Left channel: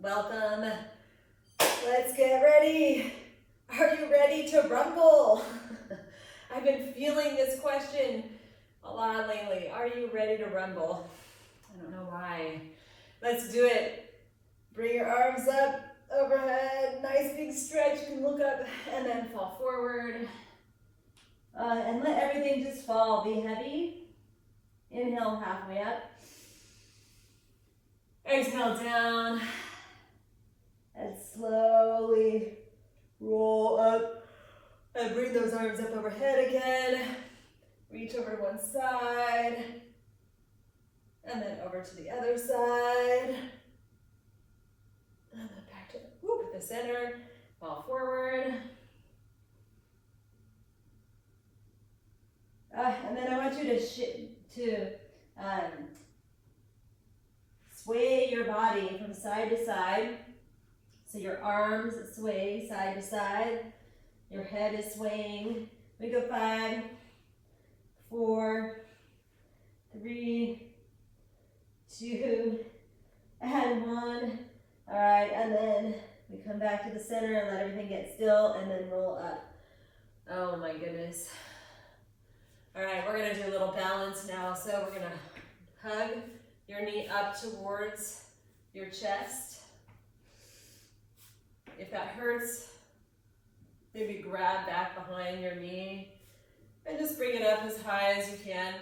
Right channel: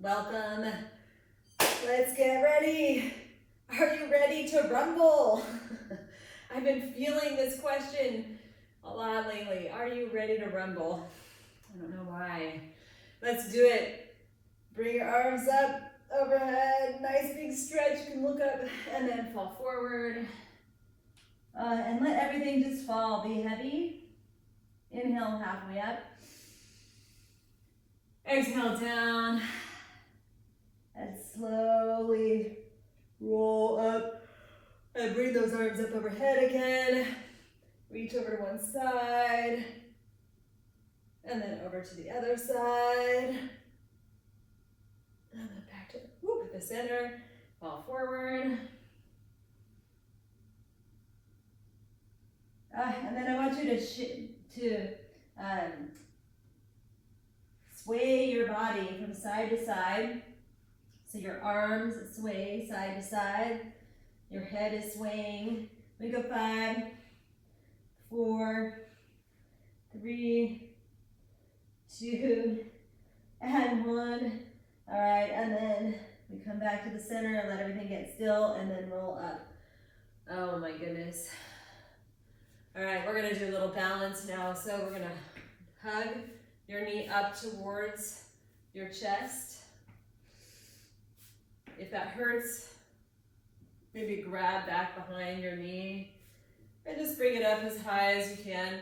Welcome. Let's get ready. Are you ready to rumble? I've been feeling this question a lot lately. Are you ready to rumble? I don't know why. Let's do it. Bring your arms up overhead. Nice big stretch. You can look up and then fall forward. And let everything just fall. Be heavy. Inhale halfway up. Exhale down. And slowly roll up. And bring those arms up overhead again. Reach over to one side. And then over to the other side. And then back to the center. Fall forward. And then I want you to sway your body from side to side. So your arms sway side to side. Your head is swaying. We go 5, 4, 3, 2, and 1. All right, and then we come back to the center and let everything get still and then roll up. Oh my goodness. All right, we're gonna do a little balance now. So we're gonna hug your knee up towards your chest. If that hurts, maybe grab back behind your knee and just bring it up as high as you can.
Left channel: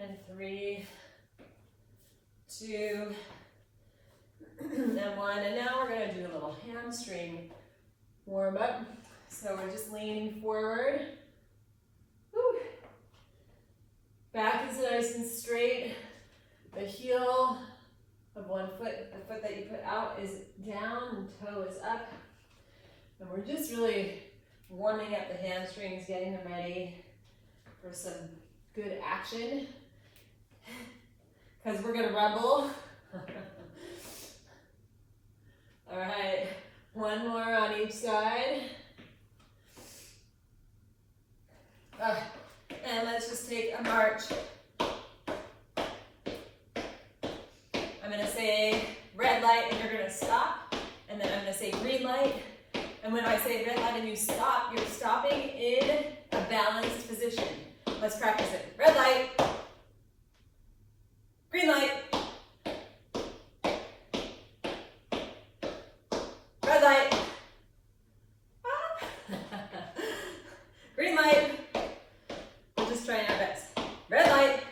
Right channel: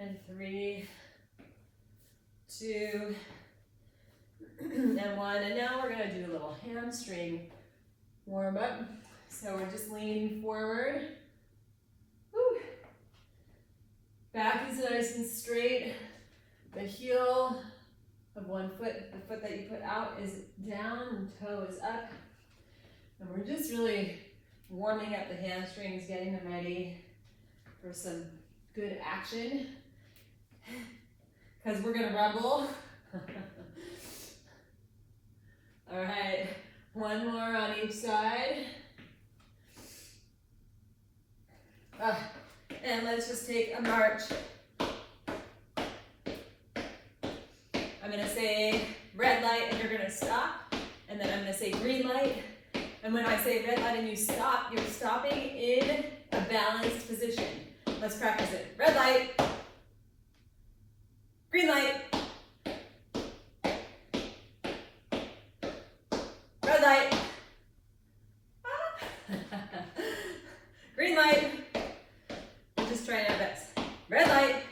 And 3, 2, and 1. And now we're gonna do a little hamstring warm up. So we're just leaning forward. Woo. Back is nice and straight. The heel of one foot, the foot that you put out is down and toe is up. And we're just really warming up the hamstrings, getting them ready for some good action. Because we're gonna rumble. All right, one more on each side. And let's just take a march. I'm gonna say red light and you're gonna stop. And then I'm gonna say green light. And when I say red light and you stop, you're stopping in a balanced position. Let's practice it. Red light. Green light. Red light. Green light. We're just trying our best. Red light.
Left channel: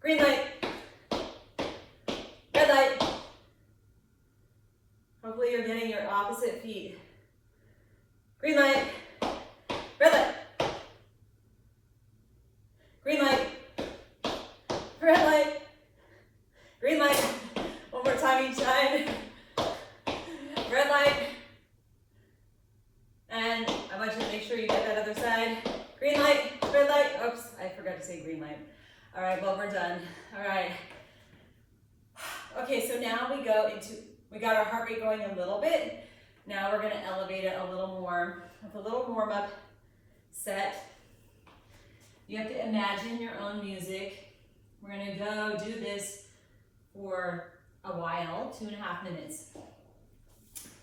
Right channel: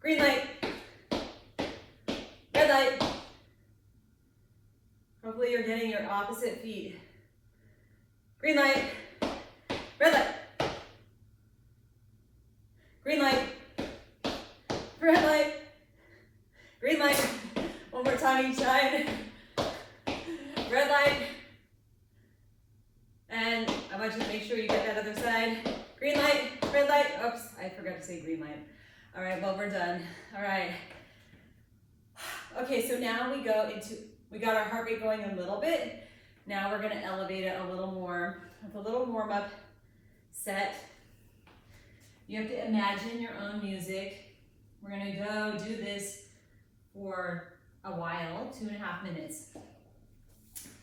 Green light. Red light. Hopefully you're getting your opposite feet. Green light. Red light. Green light. Red light. Green light. One more time each side. Red light. And I want you to make sure you get that other side. Green light, red light. Oops, I forgot to say green light. All right, well, we're done. All right. Okay, so now we got our heart rate going a little bit. Now we're gonna elevate it a little more with a little warm up set. You have to imagine your own music. We're gonna go do this for a while, 2.5 minutes.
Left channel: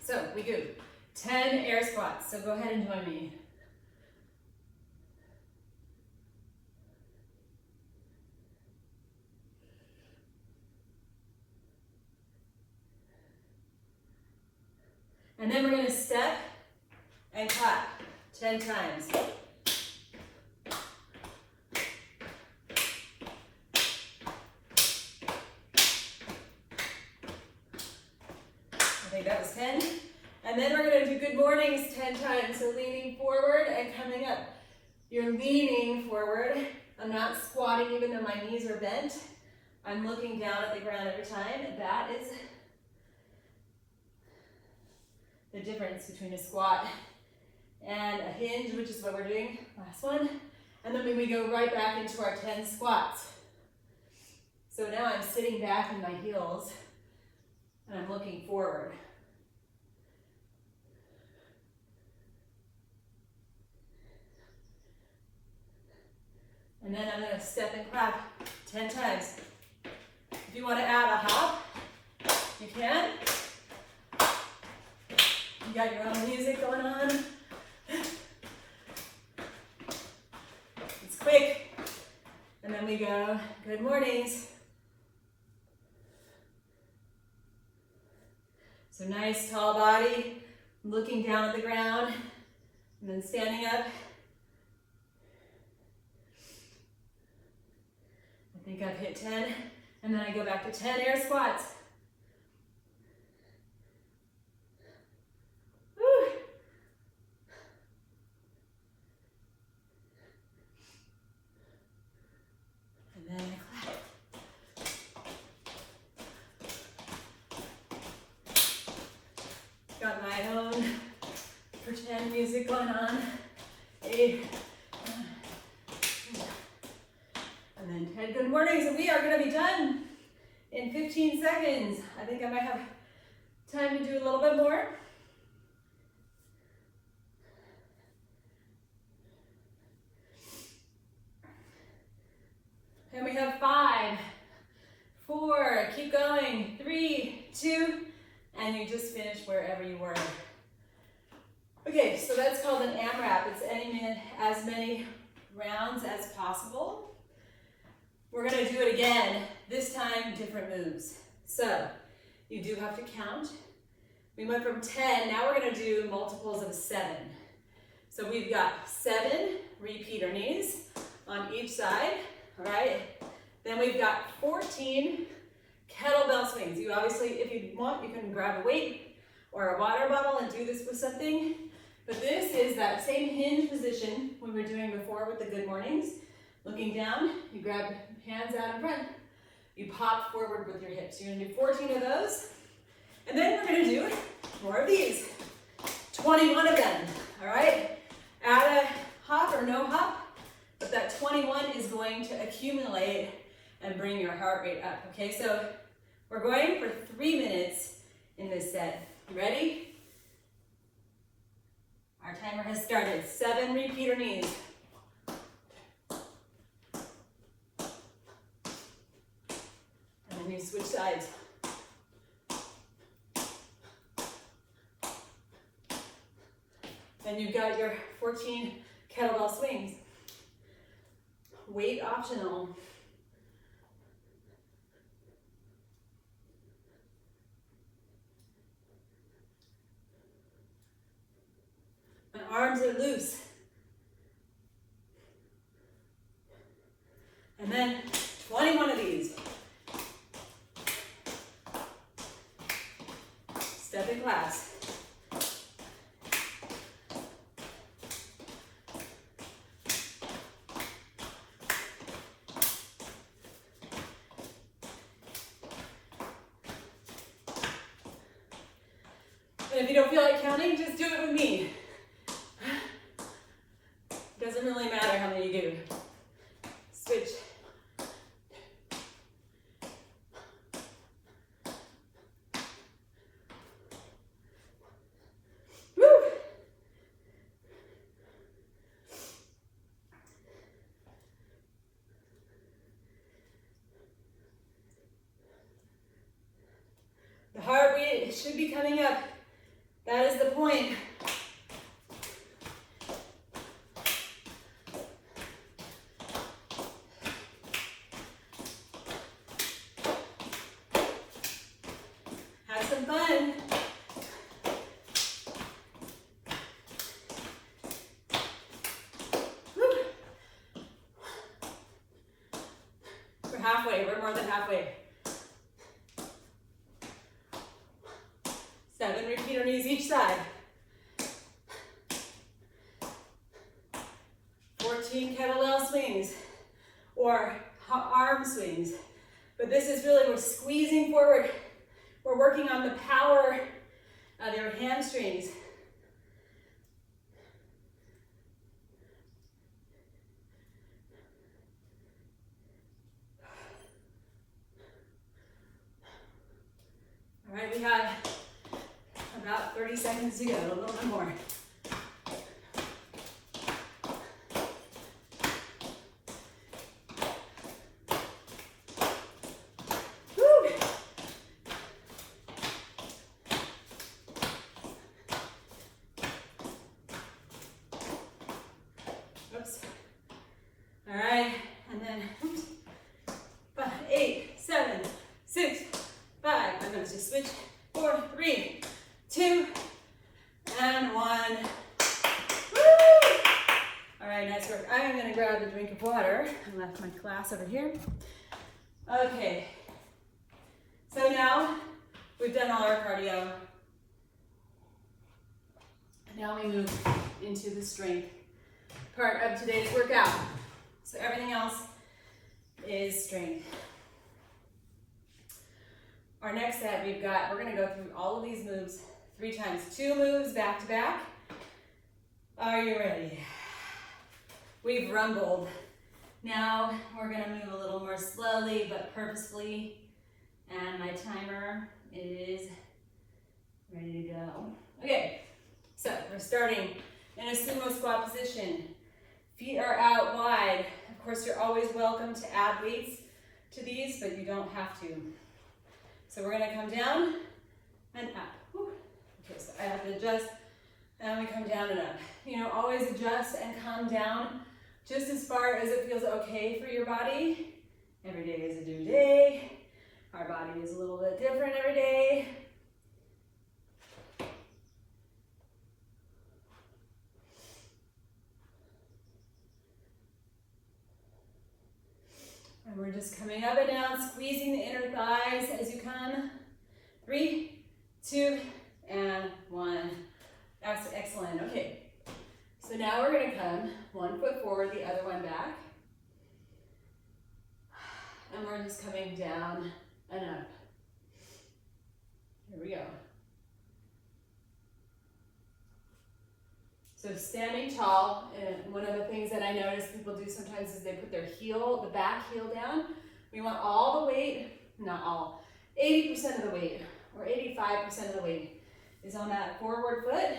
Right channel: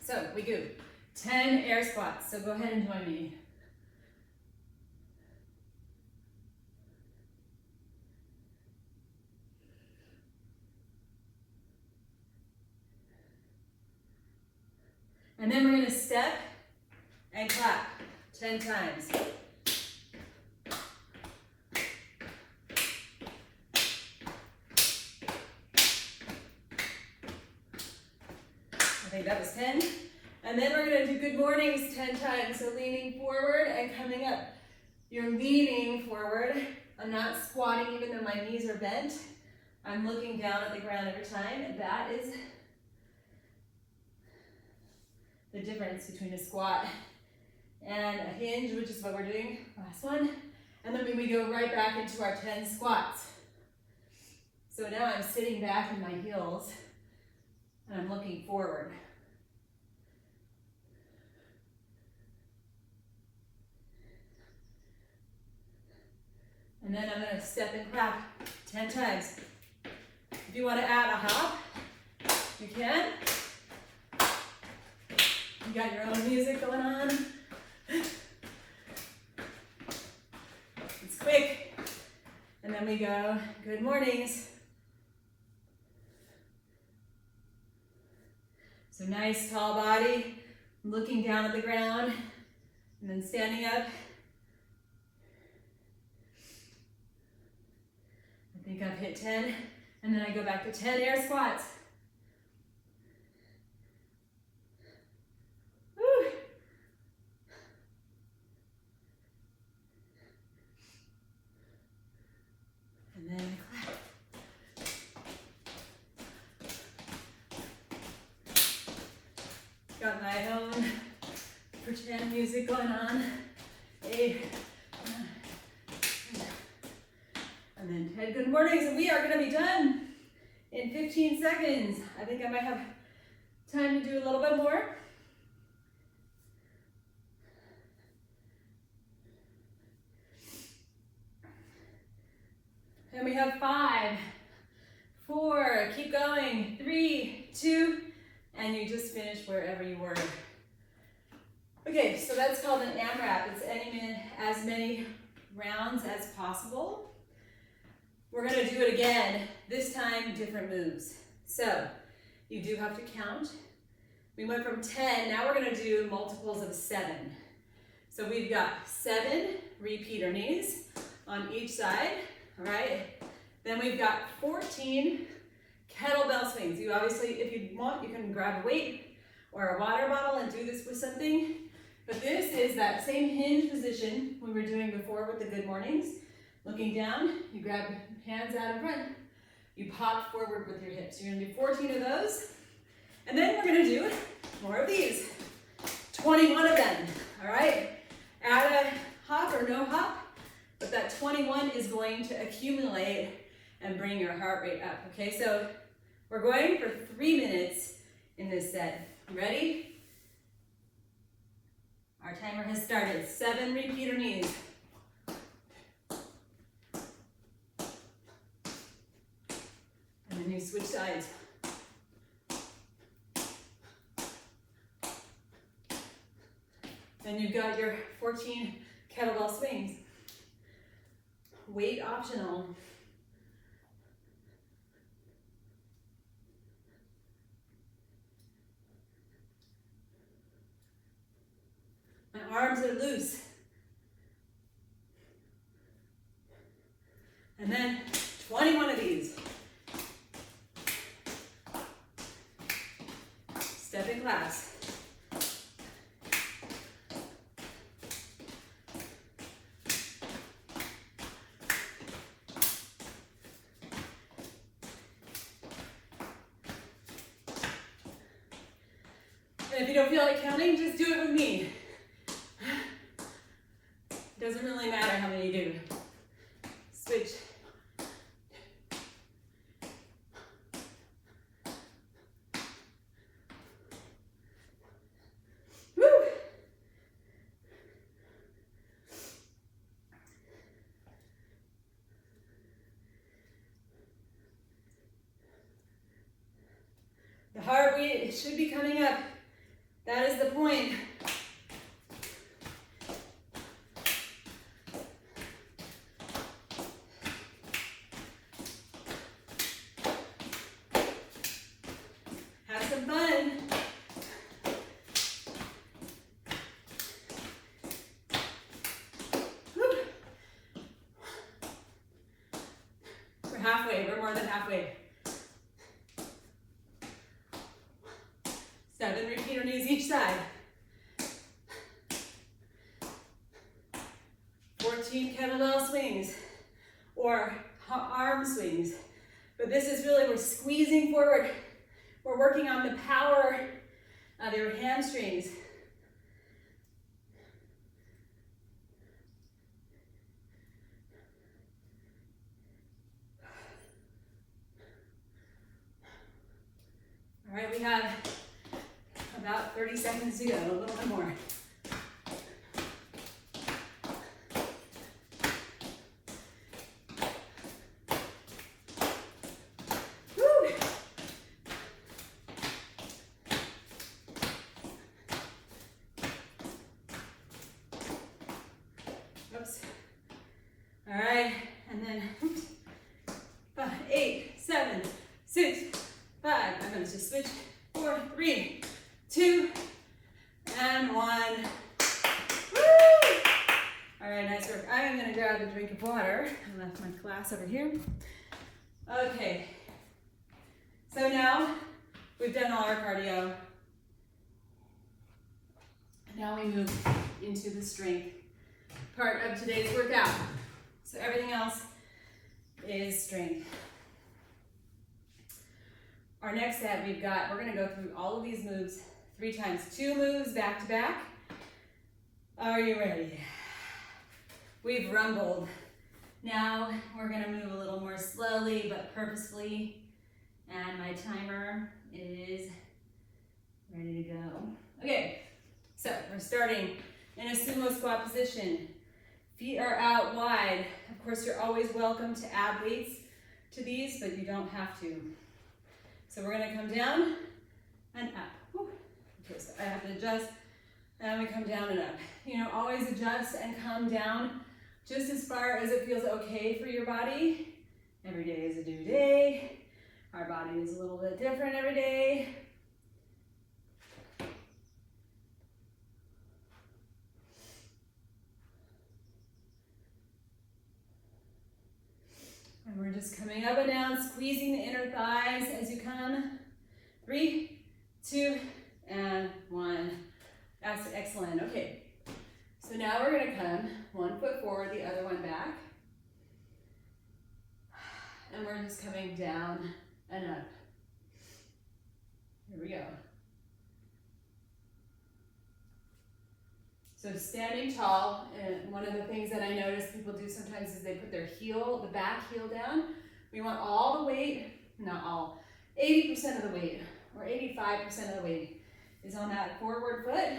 So we do 10 air squats. So go ahead and join me. And then we're gonna step and clap 10 times. I think that was 10. And then we're gonna do good mornings 10 times. So leaning forward and coming up. You're leaning forward. I'm not squatting even though my knees are bent. I'm looking down at the ground every time. And that is the difference between a squat and a hinge, which is what we're doing, last one. And then we go right back into our 10 squats. So now I'm sitting back in my heels and I'm looking. looking forward. And then I'm gonna step and clap 10 times. If you wanna add a hop, you can. You got your own music going on. It's quick. And then we go, good mornings. So nice tall body, looking down at the ground, and then standing up. I think I've hit 10, and then I go back to 10 air squats. Woo. And then I clap. Got my own pretend music going on. 8, 9, 10. And then 10 good mornings, and we are going to be done in 15 seconds. I think I might have time to do a little bit more. And we have 5, 4, keep going, 3, 2, and you just finished wherever you were. Okay, so that's called an AMRAP. It's as many rounds as possible. We're gonna do it again, this time different moves. So you do have to count. We went from 10, now we're gonna do multiples of 7. So we've got 7 repeater knees on each side, all right? Then we've got 14 kettlebell swings. You obviously, if you want, you can grab a weight or a water bottle and do this with something. But this is that same hinge position we were doing before with the good mornings. Looking down, you grab hands out in front. You pop forward with your hips. You're gonna do 14 of those. And then we're gonna do more of these. 21 of them, all right? Add a hop or no hop, but that 21 is going to accumulate and bring your heart rate up, okay? So we're going for 3 minutes in this set. Ready? Our timer has started. 7 repeater knees. And then you switch sides. Then you've got your 14 kettlebell swings. Weight optional. My arms are loose. And then 21 of these. Stepping claps. And if you don't feel like counting, just do it with me. Doesn't really matter how many you do. Switch. Woo! The heart rate should be coming up. That is the point. Have some fun. Woo. We're halfway, we're more than halfway. 7 repeater knees each side. 14 kettlebell swings or arm swings. But this is really, we're squeezing forward. We're working on the power of your hamstrings. All right, we have about 30 seconds to go, a little bit more. one. Woo! All right, nice work. I'm gonna grab a drink of water. I left my glass over here. Okay. So now we've done all our cardio. Now we move into the strength part of today's workout. So everything else is strength. Our next set we're gonna go through all of these moves 3 times. 2 moves back to back. Are you ready? We've rumbled. Now we're gonna move a little more slowly but purposefully. And my timer is ready to go. Okay, so we're starting in a sumo squat position. Feet are out wide. Of course, you're always welcome to add weights to these, but you don't have to. So we're gonna come down and up. Whew. Okay, so I have to adjust, and we come down and up. You know, always adjust and come down just as far as it feels okay for your body. Every day is a new day. Our body is a little bit different every day. And we're just coming up and down, squeezing the inner thighs as you come. 3, 2, and 1. That's excellent. Okay. So now we're going to come 1 foot forward, the other one back. And we're just coming down and up. Here we go. So standing tall, and one of the things that I notice people do sometimes is they put their heel, the back heel down. We want all the weight, not all, 80% of the weight, or 85% of the weight is on that forward foot.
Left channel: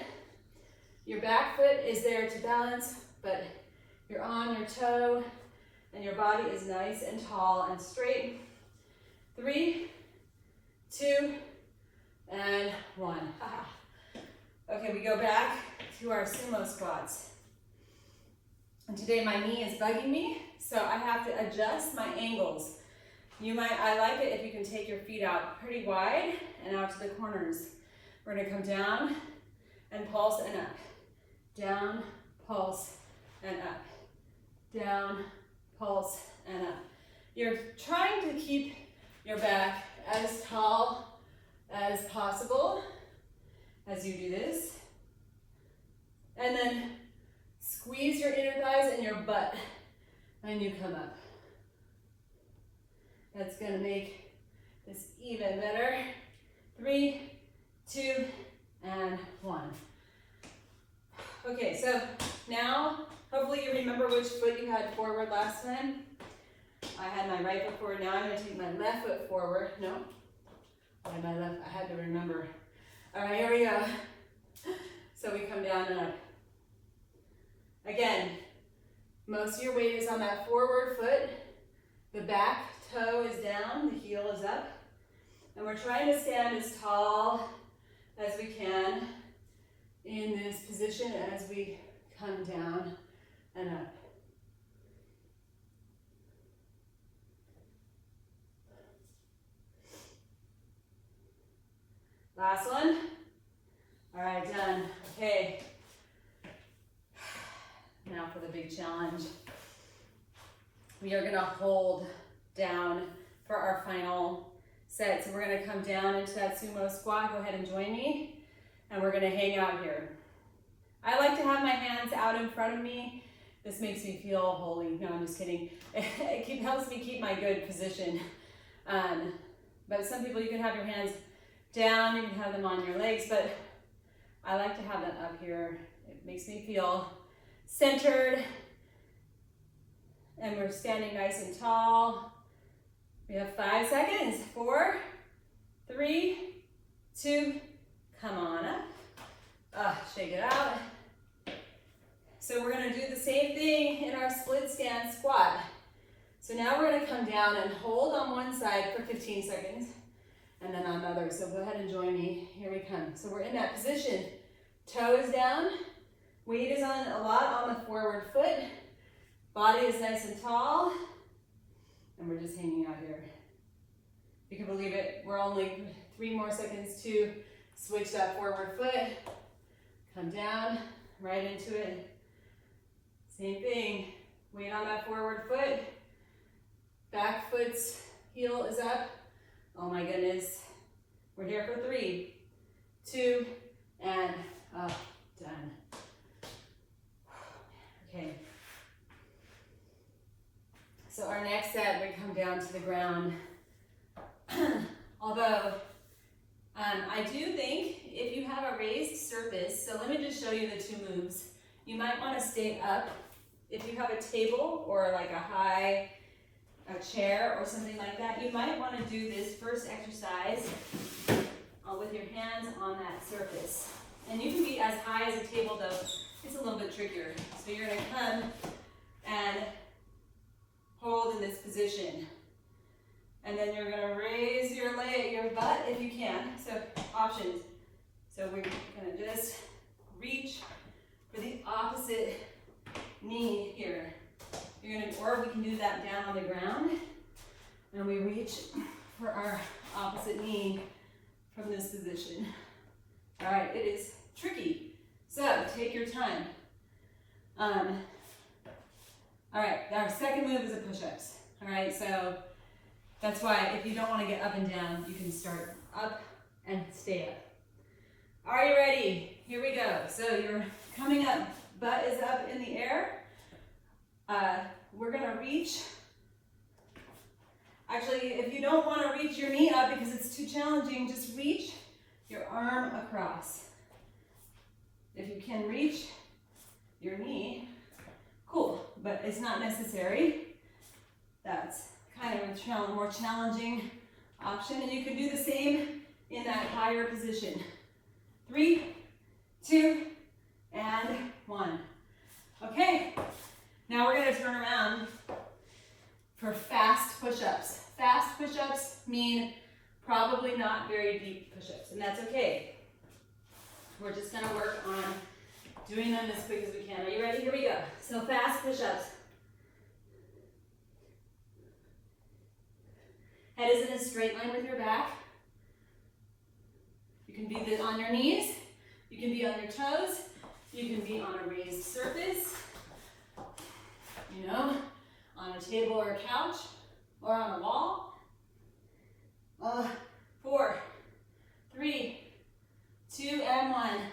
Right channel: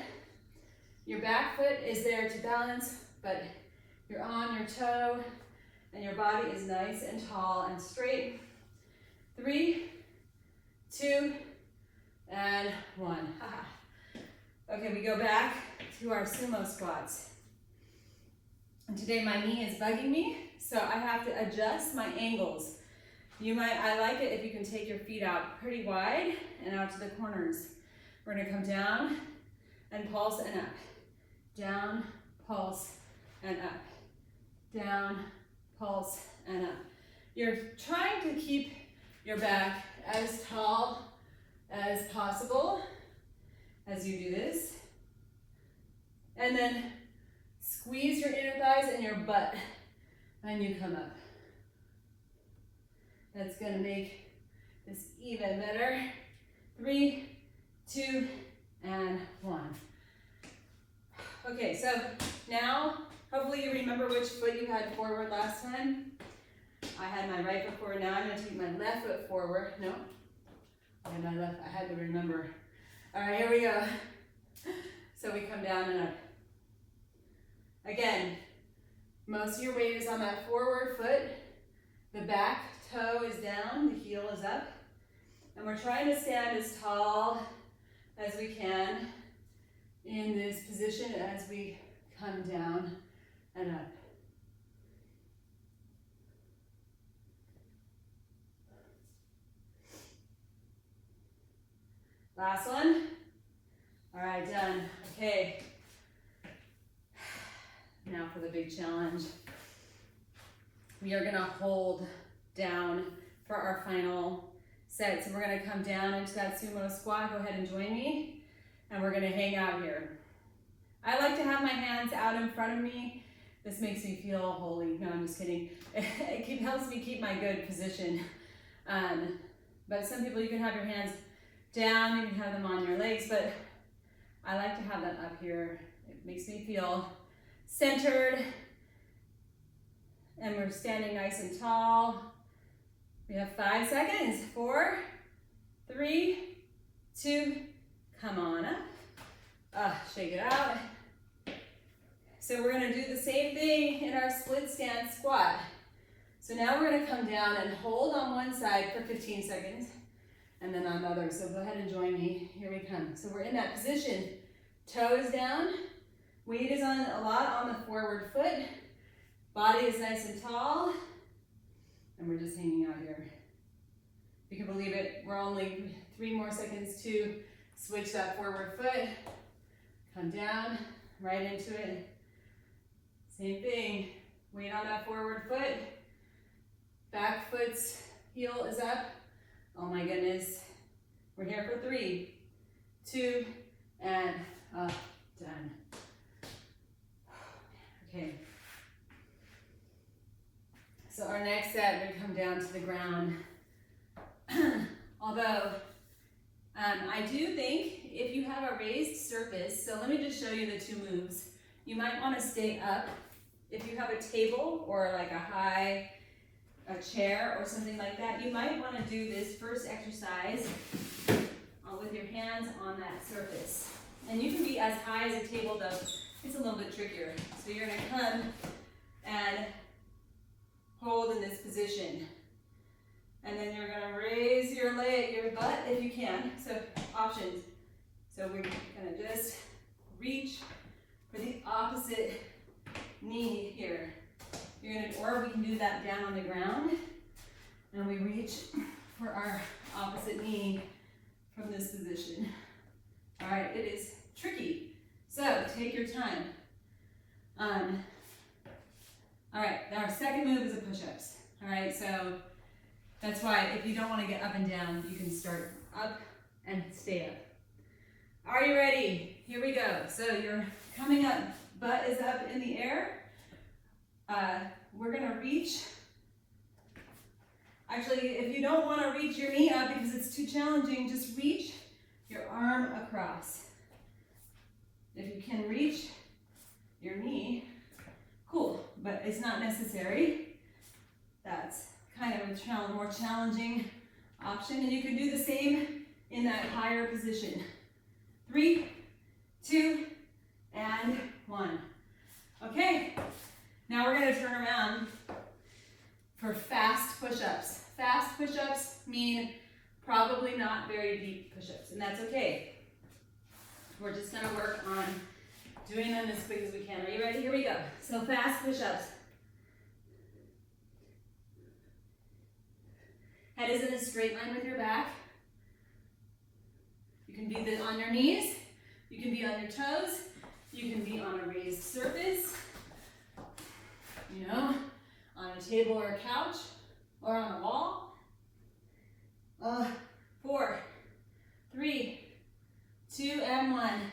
Your back foot is there to balance, but you're on your toe, and your body is nice and tall and straight. 3, 2, and 1. Okay, we go back to our sumo squats. And today my knee is bugging me, so I have to adjust my angles. I like it if you can take your feet out pretty wide and out to the corners. We're gonna come down and pulse and up. Down, pulse, and up. Down, pulse, and up. You're trying to keep your back as tall as possible as you do this. And then squeeze your inner thighs and your butt when you come up. That's gonna make this even better. 3, 2, and 1. Okay, so now, hopefully you remember which foot you had forward last time. I had my right foot forward. Now I'm gonna take my left foot forward. No, I had to remember. All right, here we go. So we come down and up. Again, most of your weight is on that forward foot. The back toe is down, the heel is up. And we're trying to stand as tall as we can in this position as we come down and up. Last one. All right, done. Okay. Now for the big challenge. We are gonna hold down for our final set. So we're gonna come down into that sumo squat. Go ahead and join me. And we're gonna hang out here. I like to have my hands out in front of me. This makes me feel holy. No, I'm just kidding. It helps me keep my good position. But some people, you can have your hands down, you can have them on your legs, but I like to have them up here. It makes me feel centered. And we're standing nice and tall. We have 5 seconds. 4, 3, 2, come on up. Shake it out. So we're gonna do the same thing in our split stance squat. So now we're gonna come down and hold on one side for 15 seconds and then on the other. So go ahead and join me. Here we come. So we're in that position. Toes down. Weight is on a lot on the forward foot. Body is nice and tall. And we're just hanging out here. If you can believe it, we're only 3 more seconds to switch that forward foot. Come down, right into it. Same thing, weight on that forward foot. Back foot's heel is up. Oh my goodness. We're here for 3, 2, and up, done. Okay. So our next set, we come down to the ground. Although, I do think if you have a raised surface, so let me just show you the 2 moves. You might want to stay up. If you have a table or like a chair or something like that, you might want to do this first exercise with your hands on that surface. And you can be as high as a table though, it's a little bit trickier. So you're gonna come and hold in this position. And then you're gonna raise your butt if you can. So options. So we're gonna just reach for the opposite knee here. Or we can do that down on the ground, and we reach for our opposite knee from this position. All right, it is tricky, so take your time. All right, our second move is a push-ups. All right, so that's why if you don't want to get up and down, you can start up and stay up. Are you ready? Here we go. So you're coming up, butt is up in the air. We're gonna reach. Actually, if you don't want to reach your knee up because it's too challenging, just reach your arm across. If you can reach your knee, cool, but it's not necessary. That's kind of a more challenging option, and you can do the same in that higher position. 3, 2, and 1. Okay. Now we're going to turn around for fast push-ups. Fast push-ups mean probably not very deep push-ups, and that's okay. We're just going to work on doing them as quick as we can. Are you ready? Here we go. So fast push-ups. Head is in a straight line with your back. You can be on your knees. You can be on your toes. You can be on a raised surface. You know, on a table or a couch, or on a wall. 4, 3, 2, and 1.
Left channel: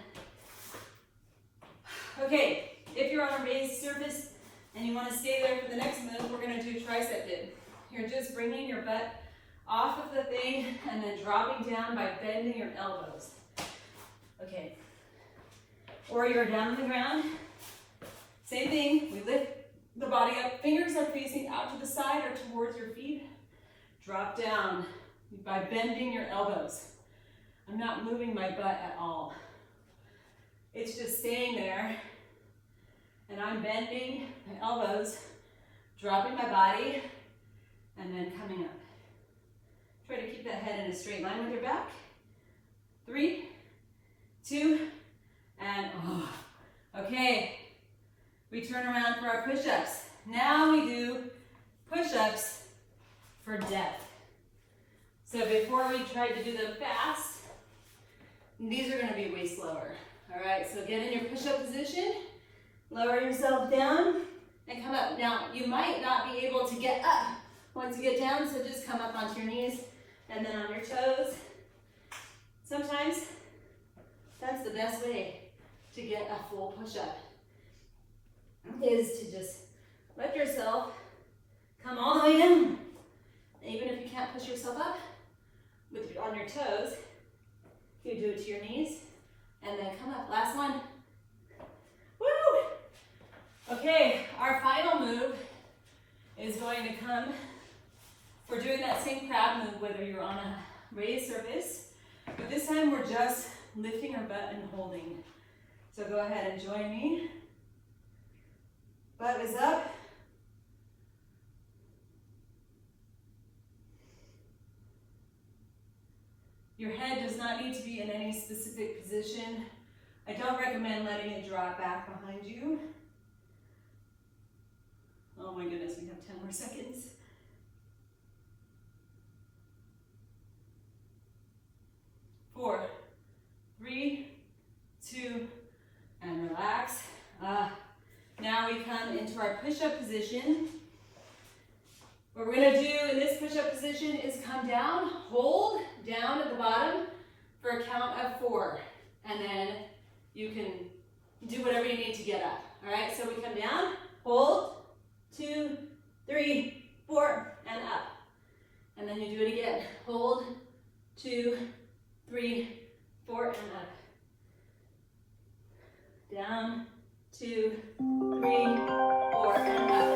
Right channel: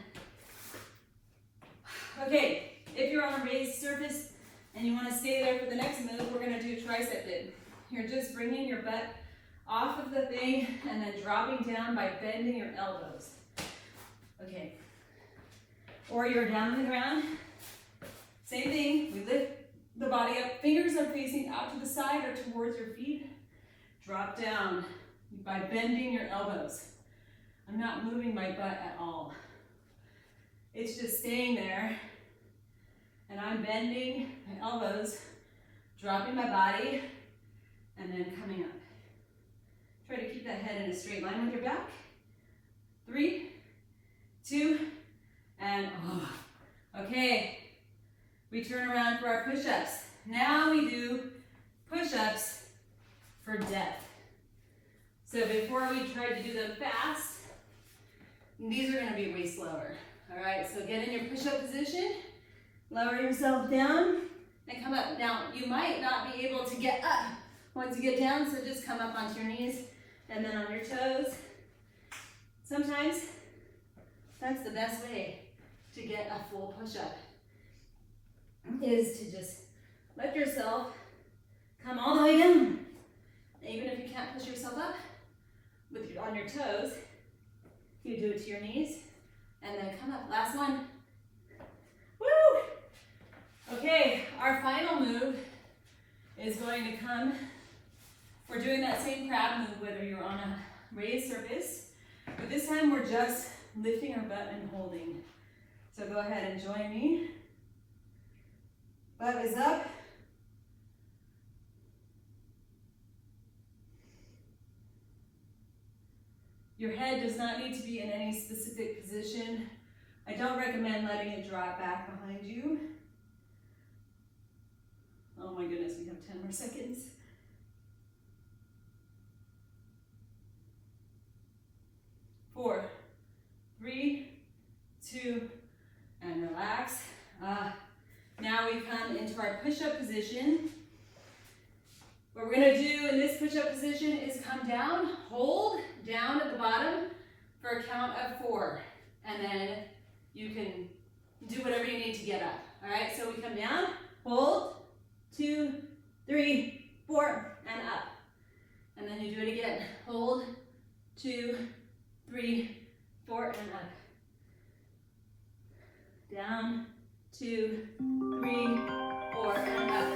Okay, if you're on a raised surface and you want to stay there for the next move, we're going to do tricep dip. You're just bringing your butt off of the thing and then dropping down by bending your elbows. Okay. Or you're down on the ground. Same thing, we lift the body up, fingers are facing out to the side or towards your feet. Drop down by bending your elbows. I'm not moving my butt at all. It's just staying there, and I'm bending my elbows, dropping my body, and then coming up. Try to keep that head in a straight line with your back. 3, 2, and okay. We turn around for our push-ups. Now we do push-ups for depth. So before we tried to do them fast, these are gonna be way slower. All right, so get in your push-up position, lower yourself down, and come up. Now, you might not be able to get up once you get down, so just come up onto your knees and then on your toes. Sometimes that's the best way to get a full push-up, is to just let yourself come all the way down. Even if you can't push yourself up on your toes, you do it to your knees and then come up. Last one. Woo! Okay, our final move is going to come. We're doing that same crab move whether you're on a raised surface, but this time we're just lifting our butt and holding. So go ahead and join me. Butt is up. Your head does not need to be in any specific position. I don't recommend letting it drop back behind you. Oh my goodness, we have 10 more seconds. 4, 3, 2, and relax. Now we come into our push-up position. What we're gonna do in this push-up position is come down, hold down at the bottom for a count of 4. And then you can do whatever you need to get up. All right, so we come down, hold, 2, 3, 4, and up. And then you do it again. Hold, 2, 3, 4, and up. Down, 2, 3, 4, and up.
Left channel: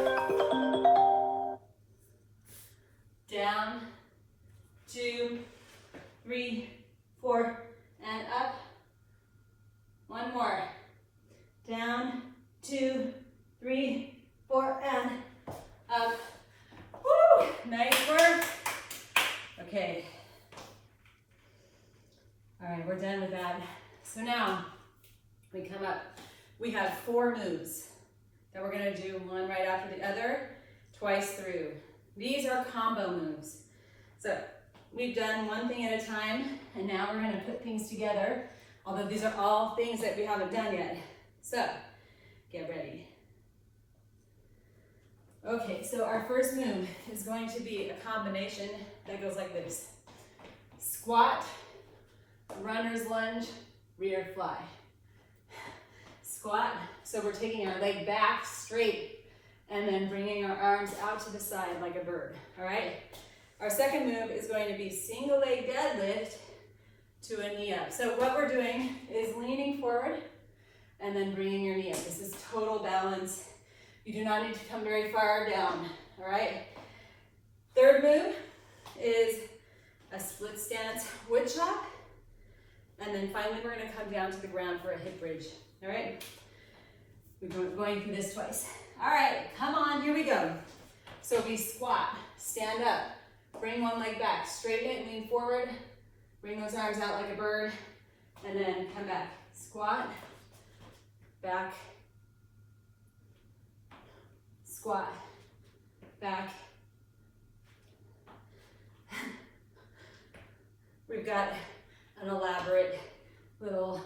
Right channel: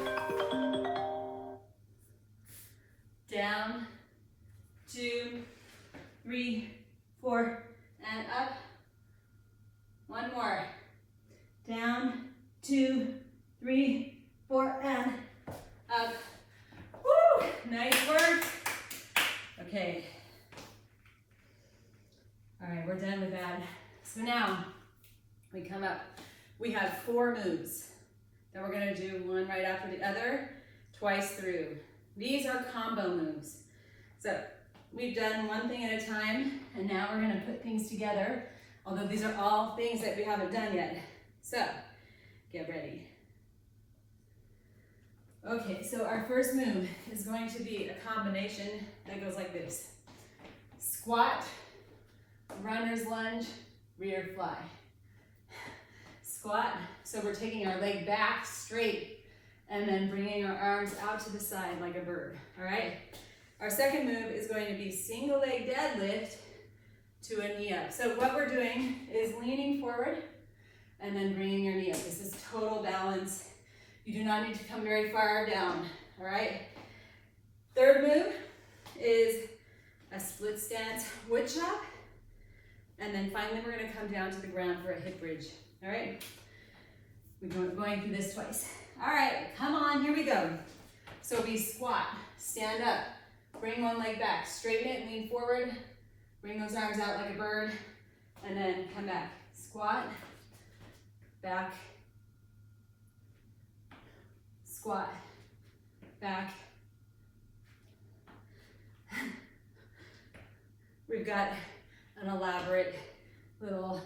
Down, 2, 3, 4, and up. One more. Down, 2, 3, 4, and up. Woo! Nice work. Okay. All right, we're done with that. So now we come up. We have 4 moves that we're gonna do, one right after the other, twice through. These are combo moves. So we've done one thing at a time, and now we're gonna put things together, although these are all things that we haven't done yet. So get ready. Okay, so our first move is going to be a combination that goes like this. Squat, runner's lunge, rear fly. Squat, so we're taking our leg back straight and then bringing our arms out to the side like a bird, all right? Our second move is going to be single leg deadlift to a knee up. So what we're doing is leaning forward and then bringing your knee up. This is total balance. You do not need to come very far down, all right? Third move is a split stance wood chop. And then finally, we're gonna come down to the ground for a hip bridge, all right? We're going through this twice. All right, come on, here we go. So we squat, stand up, bring one leg back, straighten it, lean forward, bring those arms out like a bird, and then come back. Squat, back, squat, back. We've got an elaborate little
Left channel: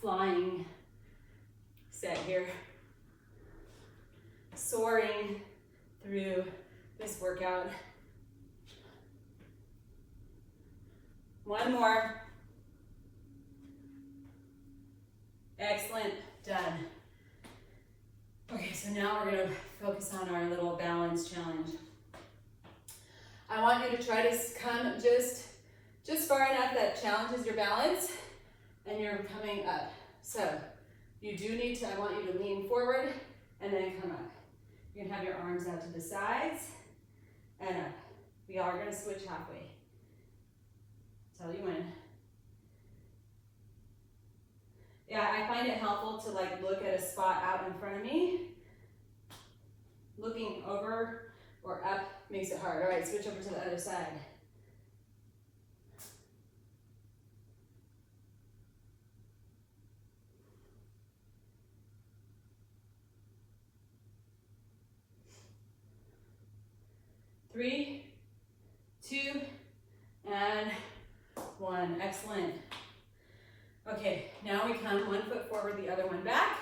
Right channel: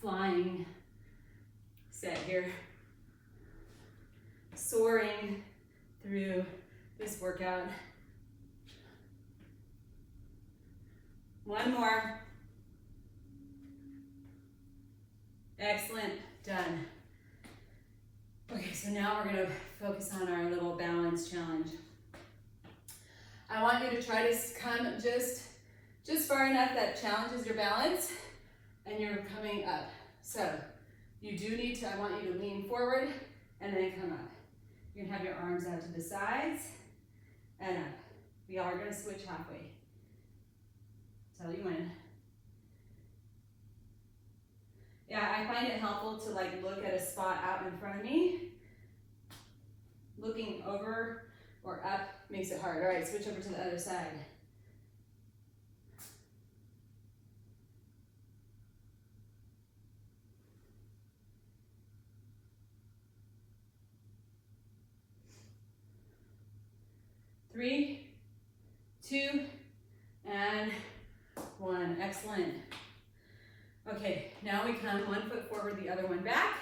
flying set here. Soaring through this workout. One more. Excellent, done. Okay, so now we're gonna focus on our little balance challenge. I want you to try to come just far enough that challenges your balance and you're coming up. So you do need to, I want you to lean forward and then come up. You can have your arms out to the sides and up. We are gonna switch halfway. Tell you when. Yeah, I find it helpful to like look at a spot out in front of me. Looking over or up makes it hard. All right, switch over to the other side. Three, 2, and 1. Excellent. Okay, now we come 1 foot forward, the other one back.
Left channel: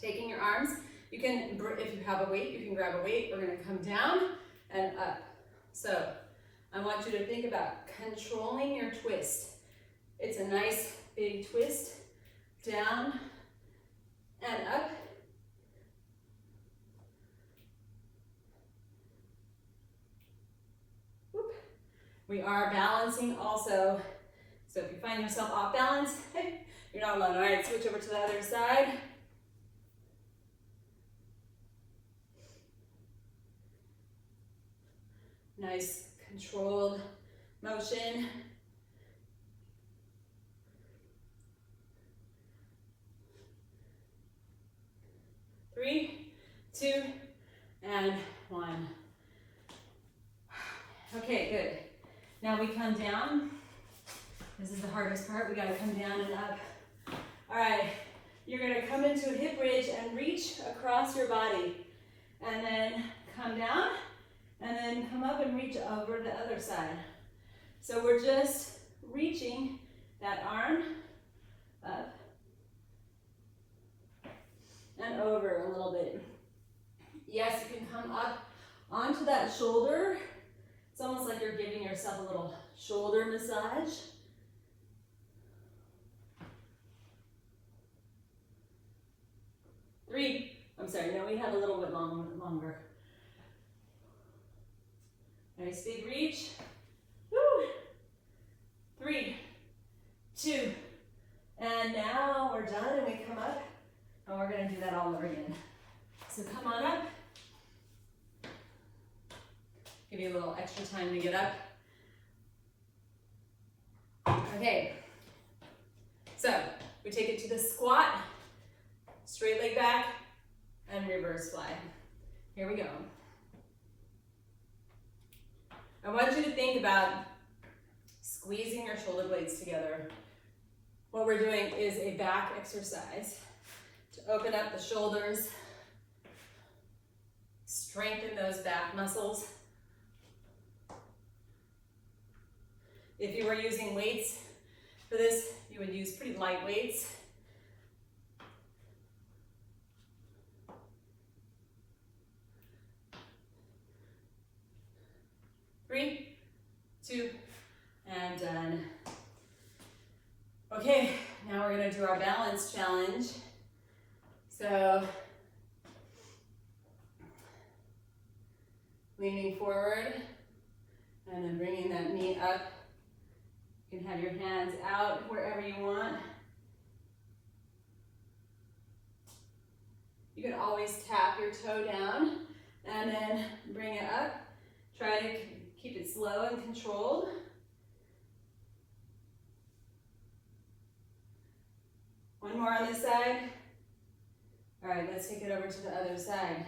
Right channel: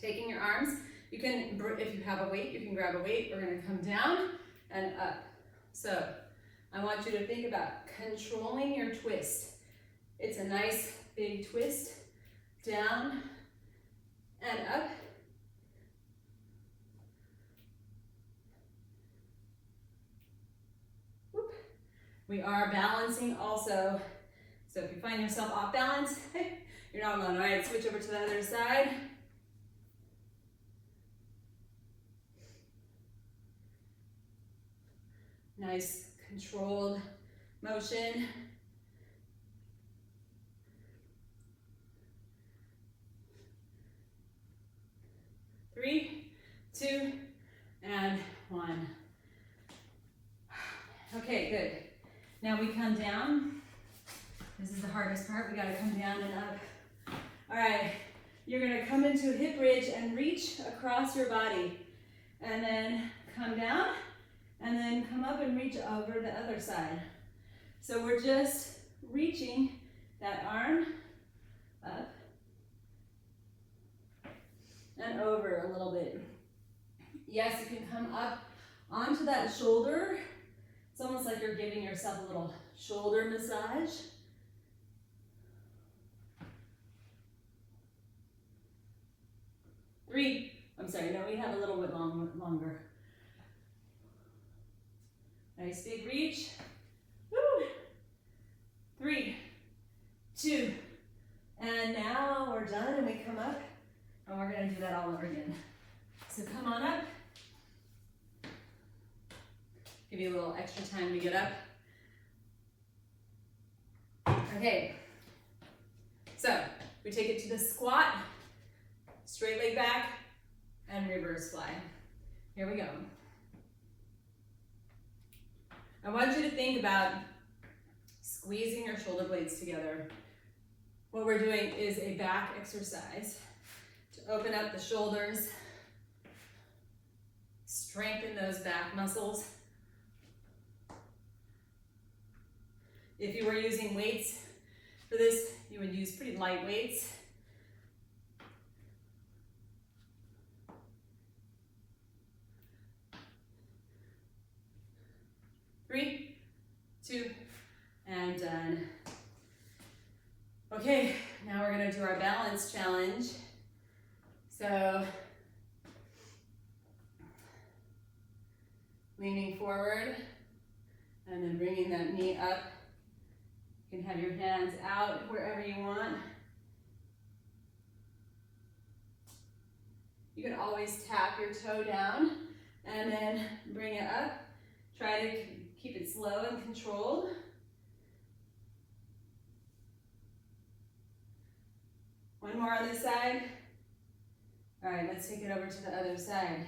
Taking your arms, you can, if you have a weight, you can grab a weight. We're gonna come down and up. So I want you to think about controlling your twist. It's a nice big twist, down and up. We are balancing also. So if you find yourself off balance, you're not alone. All right, switch over to the other side. Nice controlled motion. Three, 2, and 1. Okay, good. Now we come down. This is the hardest part. We gotta come down and up. All right, you're gonna come into a hip bridge and reach across your body. And then come down, and then come up and reach over the other side. So we're just reaching that arm up and over a little bit. Yes, you can come up onto that shoulder. It's almost like you're giving yourself a little shoulder massage. No, we have a little bit longer. Nice big reach. Woo. 3, 2, and now we're done and we come up and we're gonna do that all over again. So come on up. Give you a little extra time to get up. Okay, so we take it to the squat, straight leg back, and reverse fly. Here we go. I want you to think about squeezing your shoulder blades together. What we're doing is a back exercise to open up the shoulders, strengthen those back muscles. If you were using weights for this, you would use pretty light weights. Three, 2, and done. Okay, now we're gonna do our balance challenge. So, leaning forward, and then bringing that knee up. You can have your hands out wherever you want. You can always tap your toe down and then bring it up. Try to keep it slow and controlled. One more on this side. All right, let's take it over to the other side.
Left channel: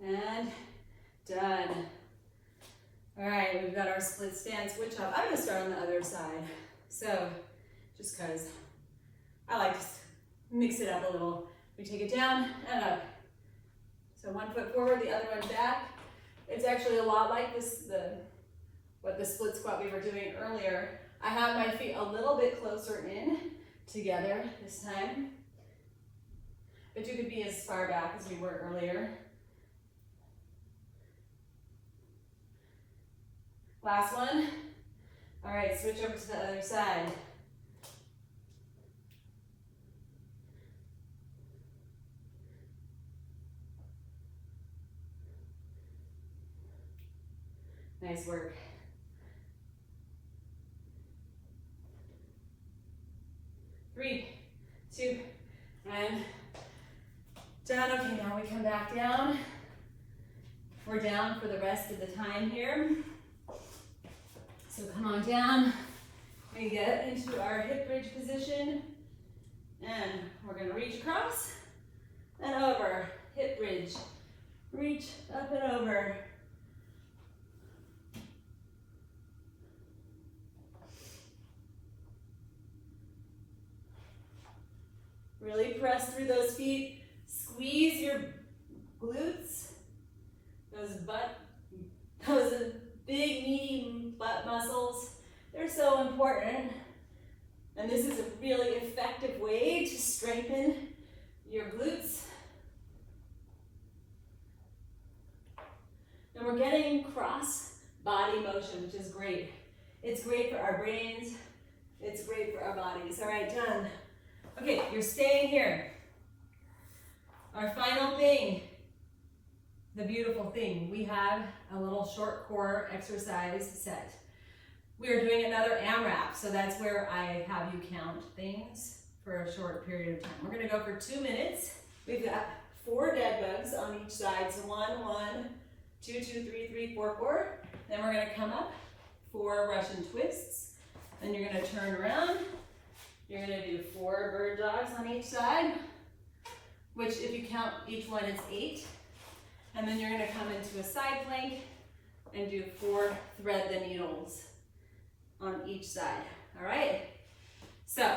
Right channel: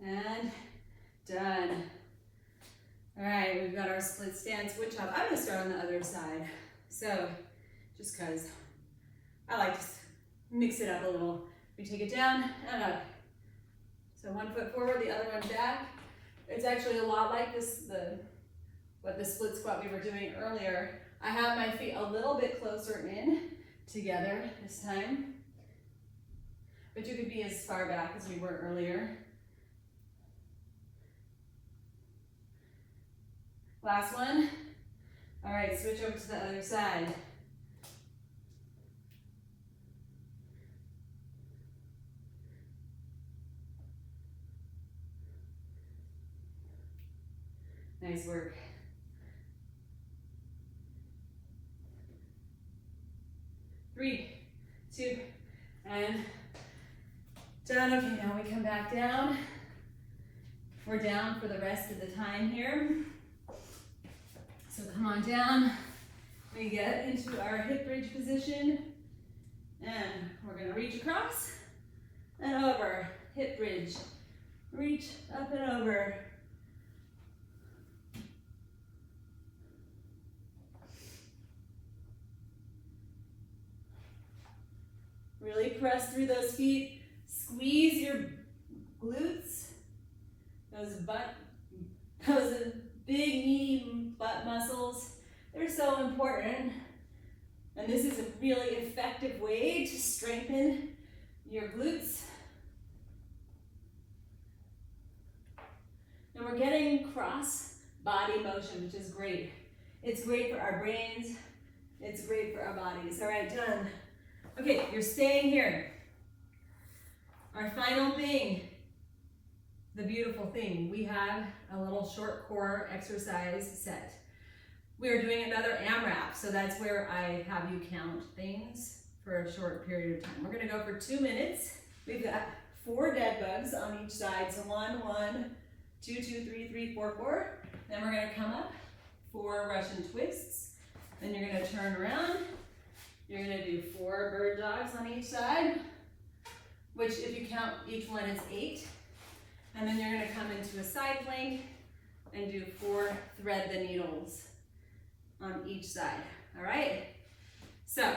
And done. All right, we've got our split stance switch up. I'm gonna start on the other side. So, just cause I like to mix it up a little. We take it down and up. So one foot forward, the other one back. It's actually a lot like what the split squat we were doing earlier. I have my feet a little bit closer in together this time. But you could be as far back as we were earlier. Last one. All right, switch over to the other side. Nice work. Three, 2, and down. Okay, now we come back down. We're down for the rest of the time here. So come on down. We get into our hip bridge position, and we're gonna reach across and over. Hip bridge. Reach up and over. Really press through those feet. Squeeze your glutes. Those big meaty butt muscles. They're so important. And this is a really effective way to strengthen your glutes. And we're getting cross body motion, which is great. It's great for our brains. It's great for our bodies. All right, done. Okay, you're staying here. Our final thing, the beautiful thing, we have a little short core exercise set. We are doing another AMRAP, so that's where I have you count things for a short period of time. We're gonna go for 2 minutes. We've got 4 dead bugs on each side, so 1, 1, 2, 2, 3, 3, 4, 4. Then we're gonna come up, 4 Russian twists. Then you're gonna turn around. You're gonna do 4 bird dogs on each side, which if you count each one is 8. And then you're gonna come into a side plank and do 4 thread the needles on each side, all right? So,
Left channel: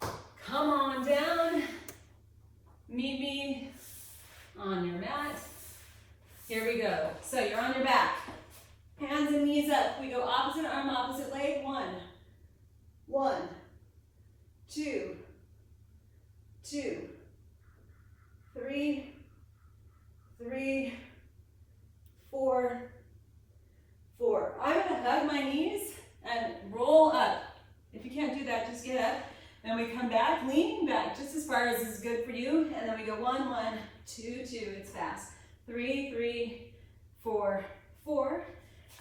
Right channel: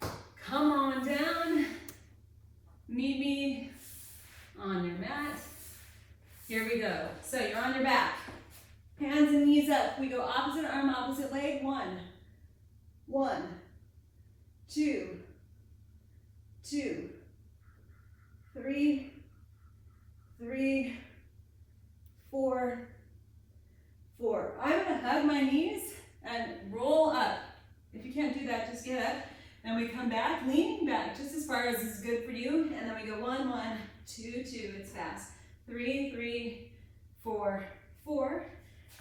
come on down, go. So you're on your back. Hands and knees up. We go opposite arm, opposite leg. 1, 1, 2, 2, 3, 3, 4, 4. I'm gonna hug my knees and roll up. If you can't do that, just get up. And we come back, leaning back just as far as is good for you. And then we go 1, 1, 2, 2. It's fast. 3, 3, 4, 4.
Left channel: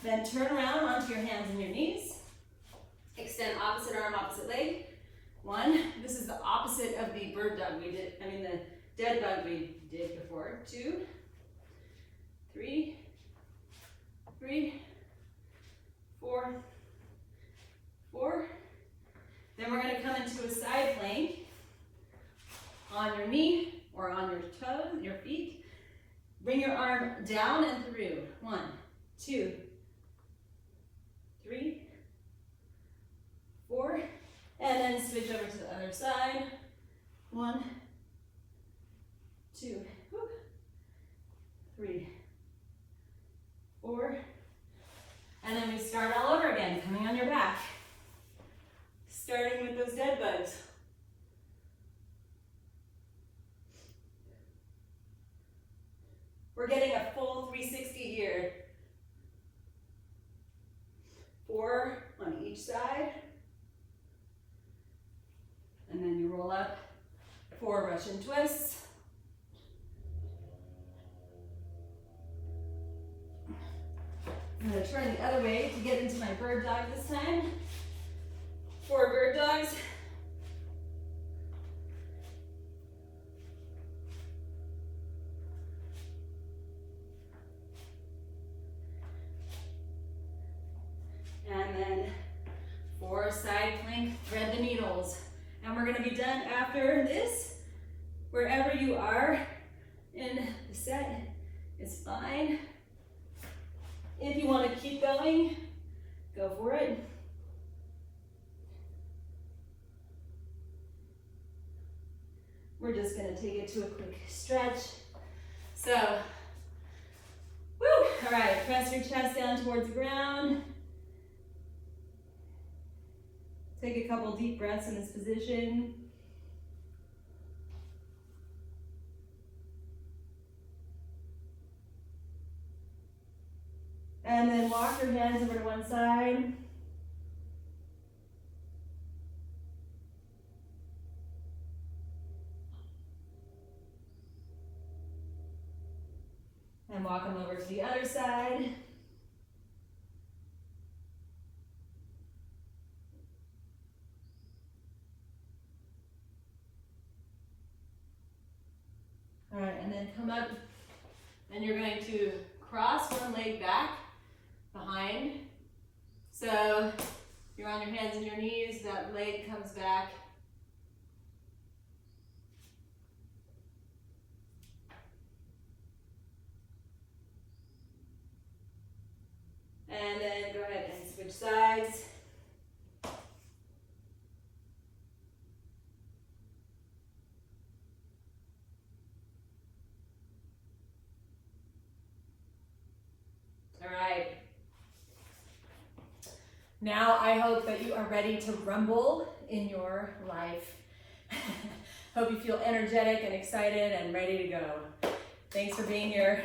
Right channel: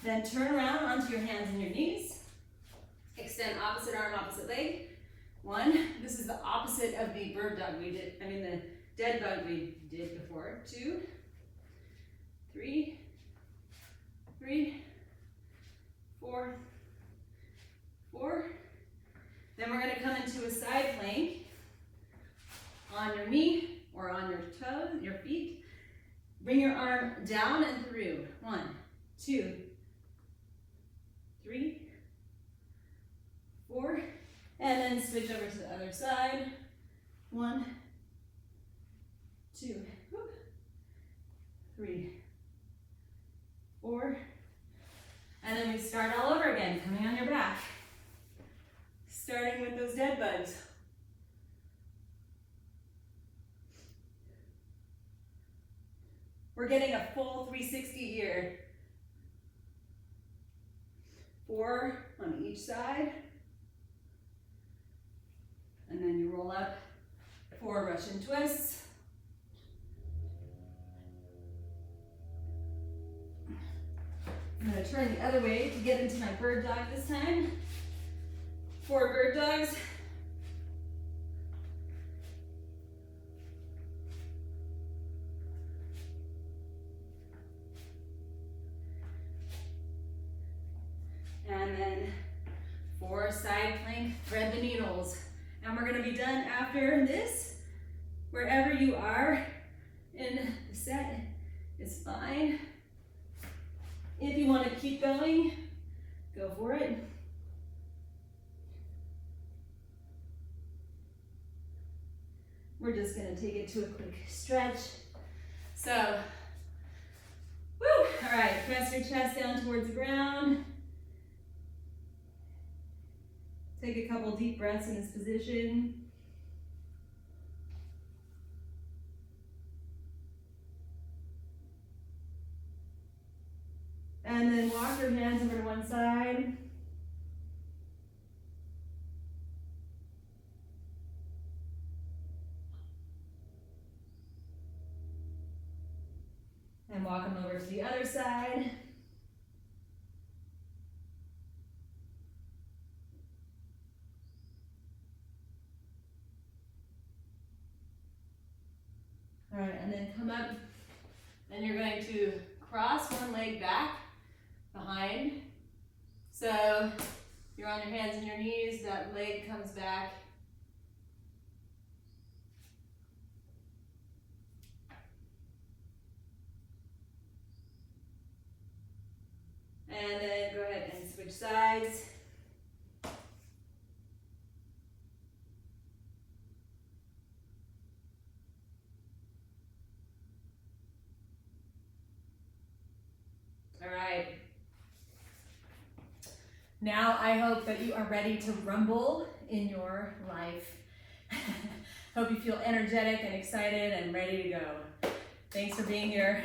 Then turn around onto your hands and your knees. Extend opposite arm, opposite leg. 1. This is the opposite of the bird dog we did. The dead bug we did before. 2, 3, 3, 4, 4. Then we're going to come into a side plank on your knee or on your toes, your feet. Bring your arm down and through. 1, 2, 3, 4. And then switch over to the other side. 1, 2, 3, 4. And then we start all over again, coming on your back. Starting with those dead bugs. We're getting a full 360 here. 4 on each side. And then you roll up 4 Russian twists. I'm going to turn the other way to get into my bird dog this time. 4 bird dogs. And then 4 side plank, thread the needles. And we're going to be done after this. Wherever you are in the set is fine. If you want to keep going, go for it. We're just going to take it to a quick stretch. So, woo! All right, press your chest down towards the ground. Take a couple deep breaths in this position. And then walk your hands over to one side. And walk them over to the other side. All right, and then come up, and you're going to cross one leg back behind. So you're on your hands and your knees, that leg comes back. And then go ahead and switch sides. All right. Now I hope that you are ready to rumble in your life. Hope you feel energetic and excited and ready to go. Thanks for being here.